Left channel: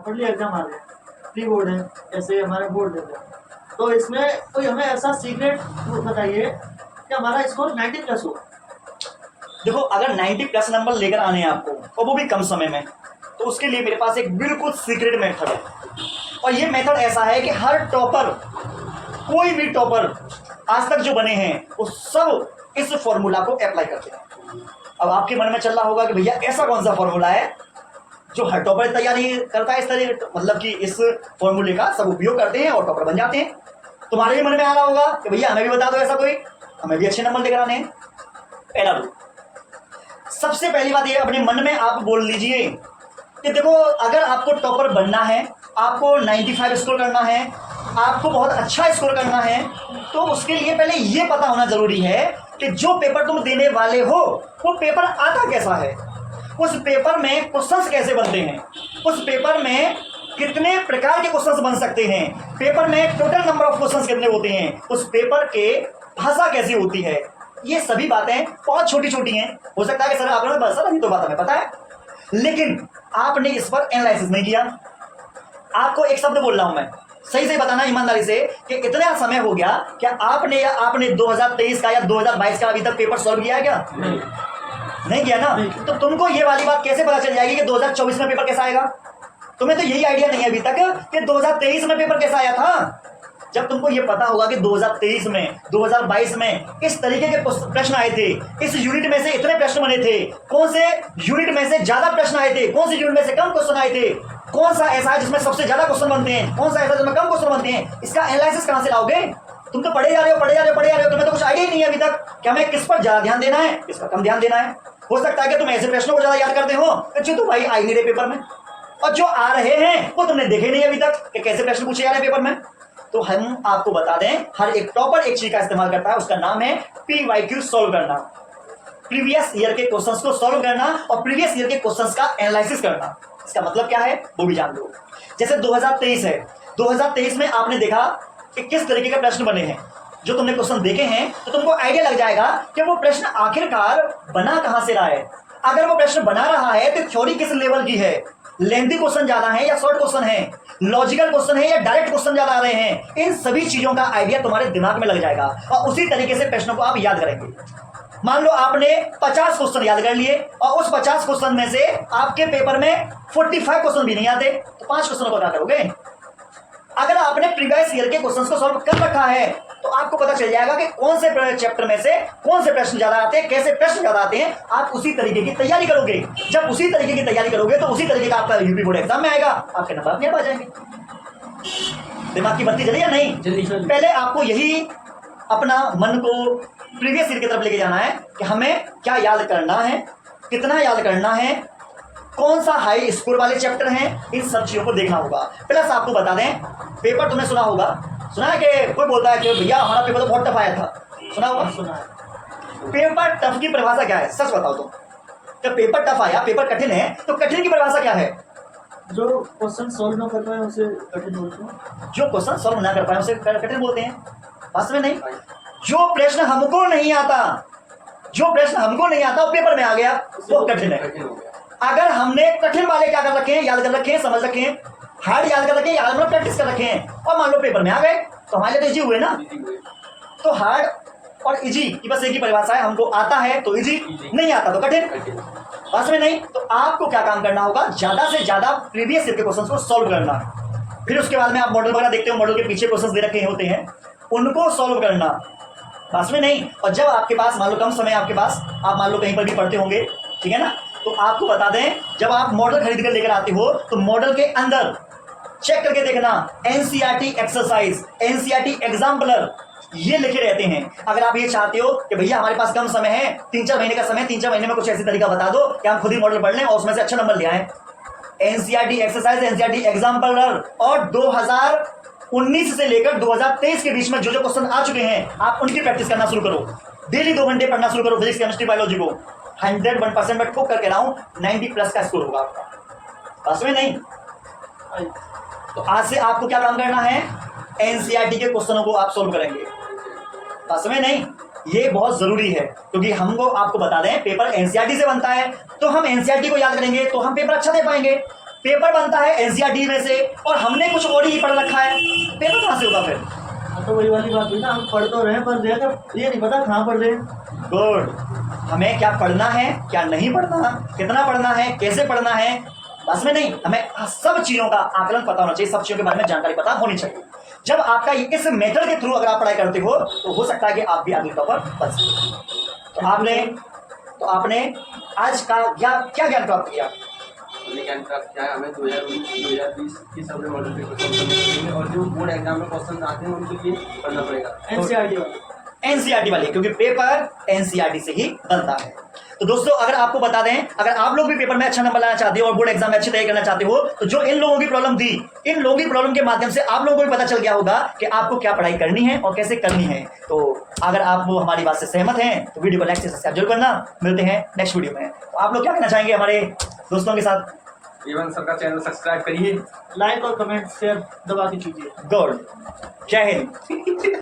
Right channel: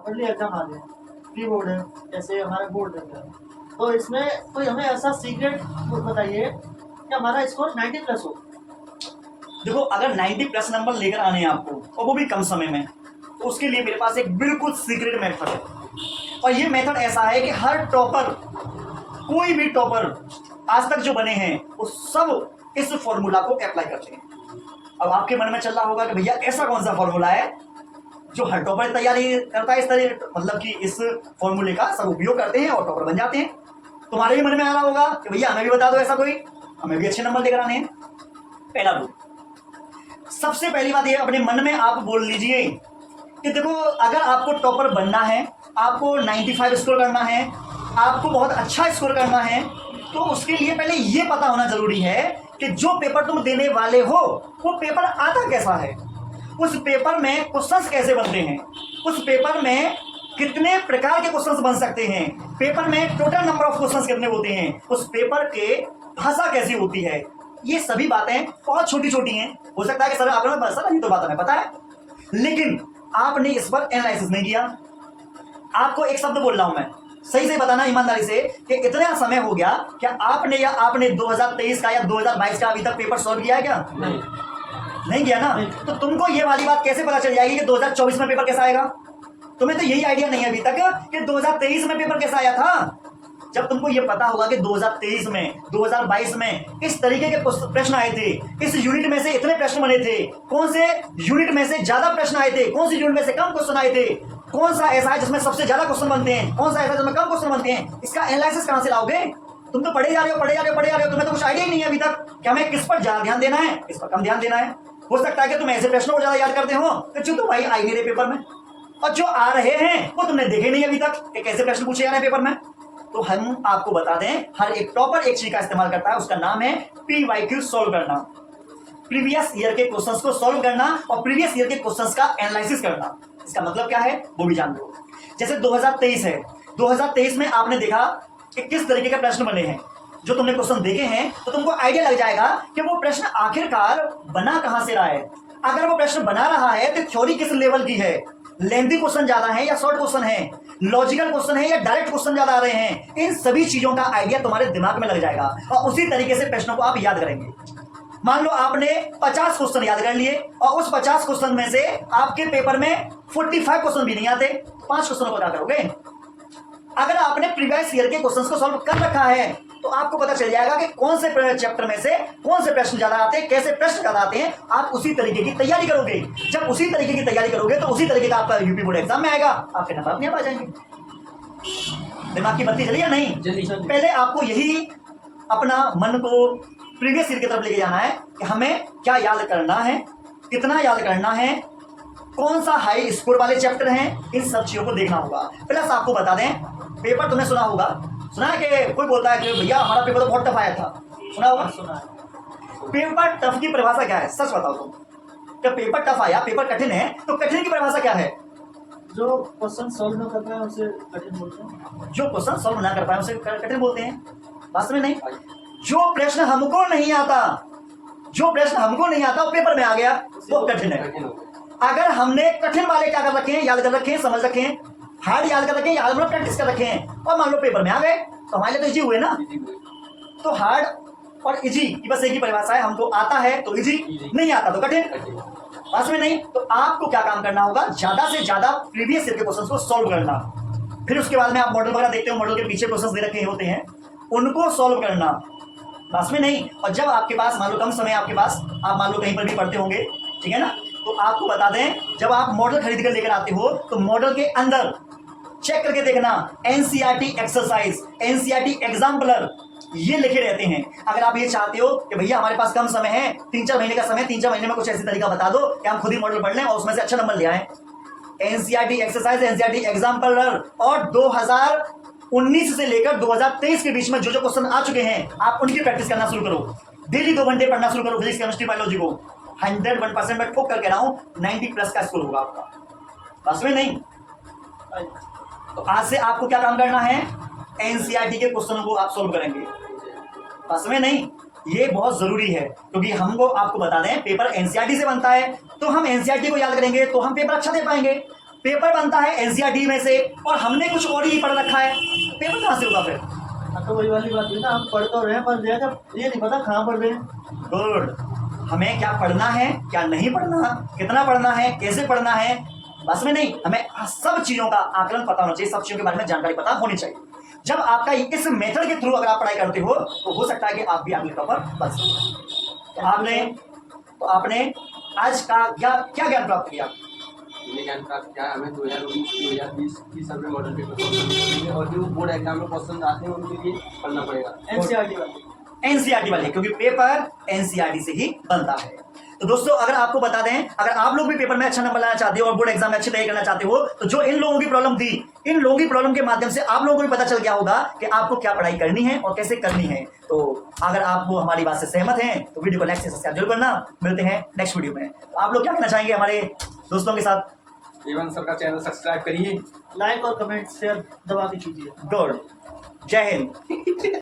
Hardly exam आ रहे हैं, pre board है, ऐसे हमारे बोर्ड देते हैं। तो इसमें कोई हमें ऐसा सीक्रेट बताइए कि हमारा स्कोर 90 प्लस हो। देखो, अगर 90 प्लस नंबर लेकर आने हैं आपको और वो भी कम समय में, तो उसके लिए मेरे पास एक बिल्कुल सीक्रेट मेथड है। और ये मेथड ऐसा है कि हर टॉपर, कोई भी टॉपर आज तक जो बने हैं वो सब इस फॉर्मूला को अप्लाई करते हैं। अब आपके मन में चल रहा होगा कि भैया ऐसा कौन सा फॉर्मूला है जो हर टॉपर तैयारी करता है, इस तरह मतलब कि इस फॉर्मूले का सब उपयोग करते हैं और टॉपर बन जाते हैं। तुम्हारे भी मन में आ रहा होगा कि भैया हमें भी बता दो ऐसा कोई, हमें भी अच्छे नंबर लेकर आने हैं। पहला रूल, सबसे पहली बात ये अपने मन में आप बोल लीजिए कि देखो, अगर आपको टॉपर बनना है, आपको 95 स्कोर करना है, आपको बहुत अच्छा स्कोर करना है, तो उसके लिए पहले ये पता होना जरूरी है कि जो पेपर तुम देने वाले हो वो पेपर आता कैसा है, उस पेपर में क्वेश्चंस कैसे बनते हैं, उस पेपर में कितने प्रकार के क्वेश्चंस बन सकते हैं, पेपर में टोटल नंबर ऑफ क्वेश्चंस कितने होते हैं, उस पेपर के भाषा कैसी होती है। ये सभी बातें बहुत छोटी छोटी हैं। हो सकता है कि सर आपने सर अभी तो बात हमें पता है, लेकिन आपने इस पर एनालिसिस नहीं किया। आपको एक शब्द बोल रहा हूं मैं, सही से बताना ईमानदारी से कि इतना समय हो गया, क्या आपने 2023 का या 2022 का अभी तक पेपर सॉल्व किया है क्या? नहीं किया ना? तो तुमको ये वाली बात कैसे पता चल जाएगी कि 2024 में पेपर कैसा आएगा? तुम्हें तो यही आइडिया नहीं है अभी तक कि 2023 में पेपर कैसा आया था। जब तुमको ये पता होगा कि 2023 में 2022 में इस तरीके के प्रश्न आए थे, इस यूनिट में से इतने प्रश्न बने थे, कौन से यूनिट में से ज्यादा प्रश्न आए थे, कौन से यूनिट में से कम क्वेश्चन आए थे, कौन सा ऐसा है जिसमें सबसे ज्यादा क्वेश्चन बनते हैं, कौन सा ऐसा जिसमें कम क्वेश्चन बनते हैं, इसका एनालिसिस कहां से लाओगे? तुम तो पढ़े जा रहे हो, तुम्हें तो कुछ आइडिया ही नहीं है अभी तक क्या हमें किस पर ज्यादा ध्यान देना है, किस पर कम ध्यान देना है। हो सकता है कि तुम ऐसे प्रश्नों को ज्यादा याद करते हो जो तो भाई आई नहीं रहे पेपर में, और जो आ रहे हैं वो तुमने देखे नहीं अभी तक कि कैसे प्रश्न पूछे जा रहे हैं पेपर में। तो हम आपको बता दें, हर एक टॉपर एक चीज का इस्तेमाल करता है, उसका नाम है PYQ सॉल्व करना, प्रीवियस ईयर के क्वेश्चंस को सॉल्व करना और प्रीवियस ईयर के क्वेश्चंस का एनालिसिस करना। इसका मतलब क्या है वो भी जान लो। जैसे 2023 है, 2023 में आपने देखा कि किस तरीके के प्रश्न बने हैं, जो तुमने क्वेश्चन देखे हैं तो तुमको आइडिया लग जाएगा कि वो प्रश्न आखिरकार बना कहां से रहा है। अगर वो प्रश्न बना रहा है तो थ्योरी किस लेवल की है, लेंथी क्वेश्चन ज्यादा है या शॉर्ट क्वेश्चन है, लॉजिकल क्वेश्चन है या डायरेक्ट क्वेश्चन ज्यादा आ रहे हैं, इन सभी चीजों का आइडिया तुम्हारे दिमाग में लग जाएगा और उसी तरीके से प्रश्नों को आप याद करेंगे। मान लो आपने 50 क्वेश्चन याद कर लिए और उस 50 क्वेश्चन में से आपके पेपर में 45 क्वेश्चन भी नहीं आते, तो 5 क्वेश्चनों को याद करोगे। अगर आपने प्रीवियस ईयर के क्वेश्चंस को सॉल्व कर रखा है तो आपको पता चल जाएगा कि कौन से चैप्टर में से कौन से प्रश्न ज्यादा आते हैं, कैसे प्रश्न ज्यादा आते हैं। आप उसी तरीके की तैयारी करोगे। जब उसी तरीके की तैयारी करोगे तो उसी तरीके का आपका यूपी बोर्ड एग्जाम में आएगा, आपके नंबर अपने आप आ जाएंगे। दिमाग की बत्ती जली या नहीं? जल्दी। पहले आपको यही अपना मन को प्रीवियस ईयर की तरफ लेके जाना है कि हमें क्या याद करना है, कितना याद करना है, कौन सा हाई स्कोर वाले चैप्टर हैं, इन सब चीजों को देखना होगा। प्लस आपको बता दें, पेपर तुमने सुना होगा, सुना है कि कोई बोलता है कि भैया हमारा पेपर तो बहुत टफ आया था, सुना होगा? सुना है। पेपर टफ की परिभाषा क्या है, सच बताओ तुम। जब पेपर टफ आया, पेपर कठिन है, तो कठिन की परिभाषा क्या है? जो क्वेश्चन सॉल्व ना कर पाए उसे कठिन बोलते हैं। जो क्वेश्चन सॉल्व ना कर पाए उसे कठिन बोलते हैं। वास्तव में नहीं, जो प्रश्न हमको नहीं आता, जो प्रश्न हमको नहीं आता वो पेपर में आ गया, वो कठिन है। अगर हमने कठिन वाले क्या कर रखे हैं, याद कर रखे हैं, समझ रखे हैं, हार्ड याद कर रखे हैं, याद प्रैक्टिस कर रखे हैं, और मान लो पेपर में आ गए तो हमारे लिए तो इजी हुए ना। तो हार्ड और इजी की बस एक ही परिभाषा है, हमको आता है तो इजी, नहीं आता तो कठिन। वास्तव में नहीं, तो आपको क्या काम करना होगा, ज्यादा से ज्यादा प्रीवियस ईयर के क्वेश्चंस को सॉल्व करना। फिर उसके बाद में आप मॉडल वगैरह देखते हो, मॉडल के पीछे क्वेश्चंस दे रखे होते हैं, उनको सॉल्व करना। वास्तव में नहीं, और जब आपके पास मान लो कम समय आपके पास, आप मान लो कहीं पर भी पढ़ते होंगे, ठीक है ना, तो आपको बता दें, जब आप मॉडल खरीद कर लेकर आते हो तो मॉडल के अंदर चेक करके देखना एनसीईआरटी एक्सरसाइज, एनसीईआरटी एग्जाम्पलर, ये लिखे रहते हैं। अगर आप ये चाहते हो कि भैया हमारे पास कम समय है, 3-4 महीने का समय, 3-4 महीने में कुछ ऐसी तरीका बता दो कि हम खुद ही मॉडल पढ़ लें और उसमें से अच्छा नंबर ले आए, एनसीईआरटी एक्सरसाइज, एनसीईआरटी एग्जाम्पलर, और 2019 से लेकर 2023 के बीच में जो जो क्वेश्चन आ चुके हैं आप उनकी प्रैक्टिस करना शुरू करो। डेली 2 घंटे पढ़ना शुरू करो फिजिक्स, केमिस्ट्री, बायोलॉजी को। 101% मैं ठोक करके रहा हूं, 90 प्लस का स्कोर होगा आपका। बस में नहीं, तो आज से आपको क्या काम करना है, एनसीईआरटी के क्वेश्चनों को आप सोल्व करेंगे। बस में नहीं, ये बहुत जरूरी है, क्योंकि हमको आपको बता दें पेपर एनसीईआरटी से बनता है, तो हम एनसीईआरटी को याद करेंगे तो हम पेपर अच्छा दे पाएंगे। पेपर बनता है एनसीईआरटी में से और हमने कुछ और ही पढ़ रखा है, पेपर कहाँ से होगा फिर? हाँ तो वही वाली बात हुई ना, हम पढ़ तो रहे हैं पर ये नहीं पता कहाँ पढ़ रहे हैं। गुड। हमें क्या पढ़ना है, क्या नहीं पढ़ना, कितना पढ़ना है, कैसे पढ़ना है, बस में नहीं, हमें सब चीजों का आकलन पता होना चाहिए, सब चीजों के बारे में जानकारी पता होनी चाहिए। जब आपका इस मेथड के थ्रू अगर आप पढ़ाई करते हो तो हो सकता है कि आप भी आगे टॉपर बन सकें। तो आपने आज का क्या ज्ञान प्राप्त किया? ज्ञान प्राप्त किया हमें 2020 की सर्वे मॉडल पे क्वेश्चन और जो बोर्ड एग्जाम में क्वेश्चन आते हैं उनके लिए पढ़ना पड़ेगा एनसीईआरटी वाले, क्योंकि पेपर एनसीईआरटी से ही बनता है। तो दोस्तों अगर आपको बता दें, अगर आप लोग भी पेपर में अच्छा नंबर लाना चाहते हो और बोर्ड एग्जाम में अच्छी तैयारी करना चाहते हो, तो जो इन लोगों की प्रॉब्लम थी, इन लोगों की प्रॉब्लम के माध्यम से आप लोगों को भी पता चल गया होगा कि आपको क्या पढ़ाई करनी है और कैसे करनी है। तो अगर आप वो हमारी बात से सहमत हैं तो वीडियो को लाइक से सब्सक्राइब जरूर करना। मिलते हैं नेक्स्ट वीडियो में। तो आप लोग क्या कहना चाहेंगे हमारे दोस्तों के साथ? एवन सर का चैनल सब्सक्राइब करिए, लाइक और कमेंट शेयर दबा के कीजिए। गुड, जय हिंद।